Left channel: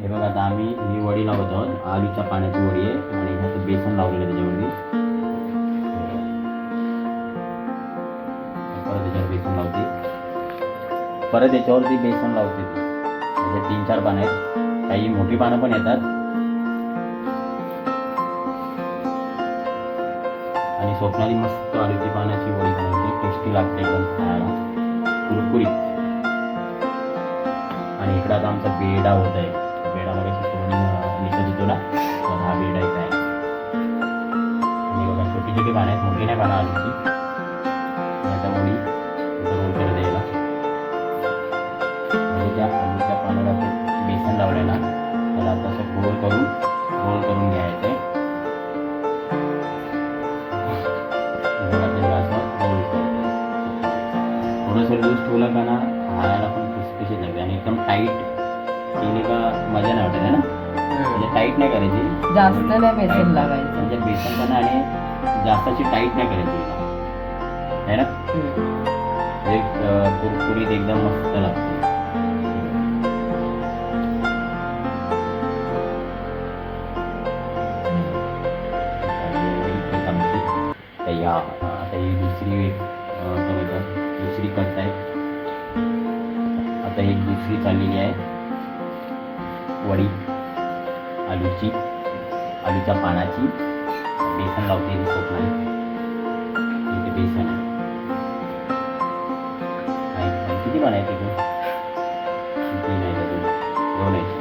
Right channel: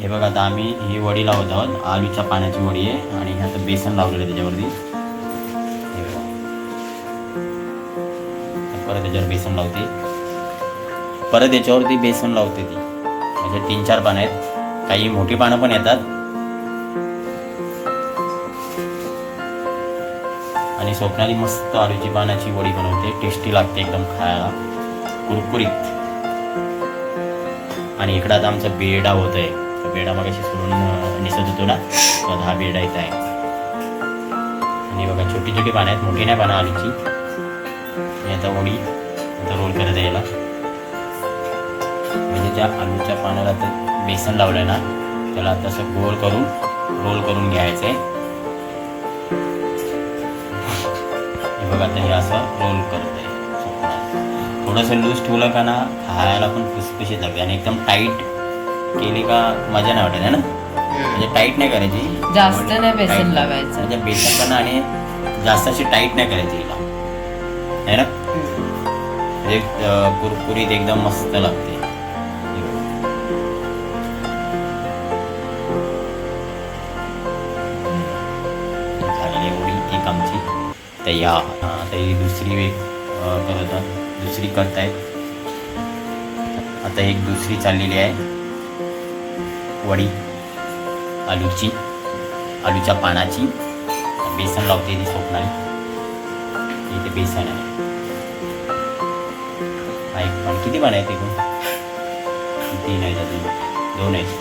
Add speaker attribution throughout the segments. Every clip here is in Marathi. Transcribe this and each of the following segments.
Speaker 1: हे बघा आता आम्ही ही वडी लावत आहोत. आलूच्या पाण्याची वडी आहे आणि ह्यात बेसन लावलेलं आहे त्याच्यावरती. परत त्याच्यावर बेसन लावते. परत याच्यावरती बेसन लावते ती. म्हणजे तीन चार पानं आहेत. काही मोठी पानं पण येतात. आणि स्वप्नाली मस्त आलूची पानाची वडी बनवते टेस्टी लागते एकदम खायला. कुरकुरीत. आणि इकडं आता आमचा बेडा होत आहे तो बेडा सोडून अं, दिसत होतो ना तर हा बेडा इथं आहे. आणि बघा छोटी छोटी पानं आहेत मोठी नाही पानं आलूची आणि आता ओळी आता रोल करत आहे याला. म्हणजे त्या आलूच्या पानाला तर बेसन लावलं ना त्याला तसं गोल करून रोल करून घ्यायचं आहे बघा आता हे असं रोल करत आहे. थोडंसं लूज ठेवलं का ना खायला पण खुसखुशीत लागते आणि एकदम टाईट केली का मजा नाही वाटत आहे ना? म्हणजे टाईट नाही करायची.
Speaker 2: जास्त नाही बेसन लावायचं.
Speaker 1: म्हणजे बेसन पण आणि जास्त अशी टाईट नाही करायची हिला. आहे ना? अं, कुरकुरीत एकदम मस्त लागते. हे. झालेली एवढी एक आमची तयार. आता ही दुसरी वेग अं, करत आहोत. दुसरी कट आहे आता एक दुसरी चाललेली आहे. वडी आलूची आलूच्या पानाची बेसन लावते ती स्वप्नाली इथे बेसन आहे. हा एक पण. किती पान आहेत एकूण? तीन आहेत अजून. दोन आहेत.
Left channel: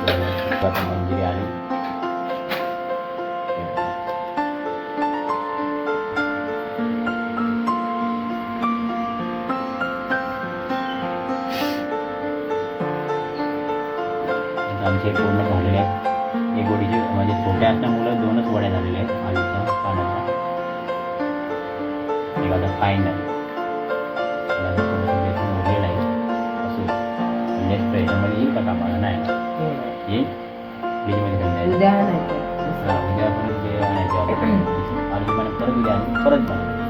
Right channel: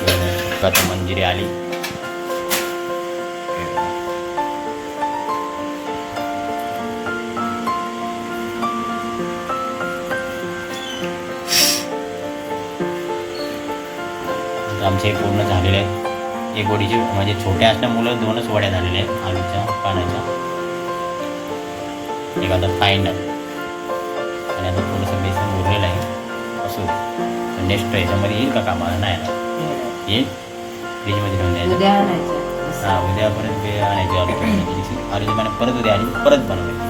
Speaker 1: दोन आहेत. आता मंजिरी आली. आमचे पूर्ण झालेले आहेत. एक वडीची म्हणजे छोट्या असल्यामुळं दोनच वड्या झालेल्या आहेत आलूच्या पानाच्या. एक आता फायनल आणि आता थोडंसं बेसन उरलेलं आहे. असो नेक्स्ट याच्यामध्ये येईल का कामाला? नाही. येईल? फ्रीजमध्ये ठेवून द्यायचं. हां उद्या परत आणायची. आलू आलूची पानं परत उद्या आणि परत बनवायची.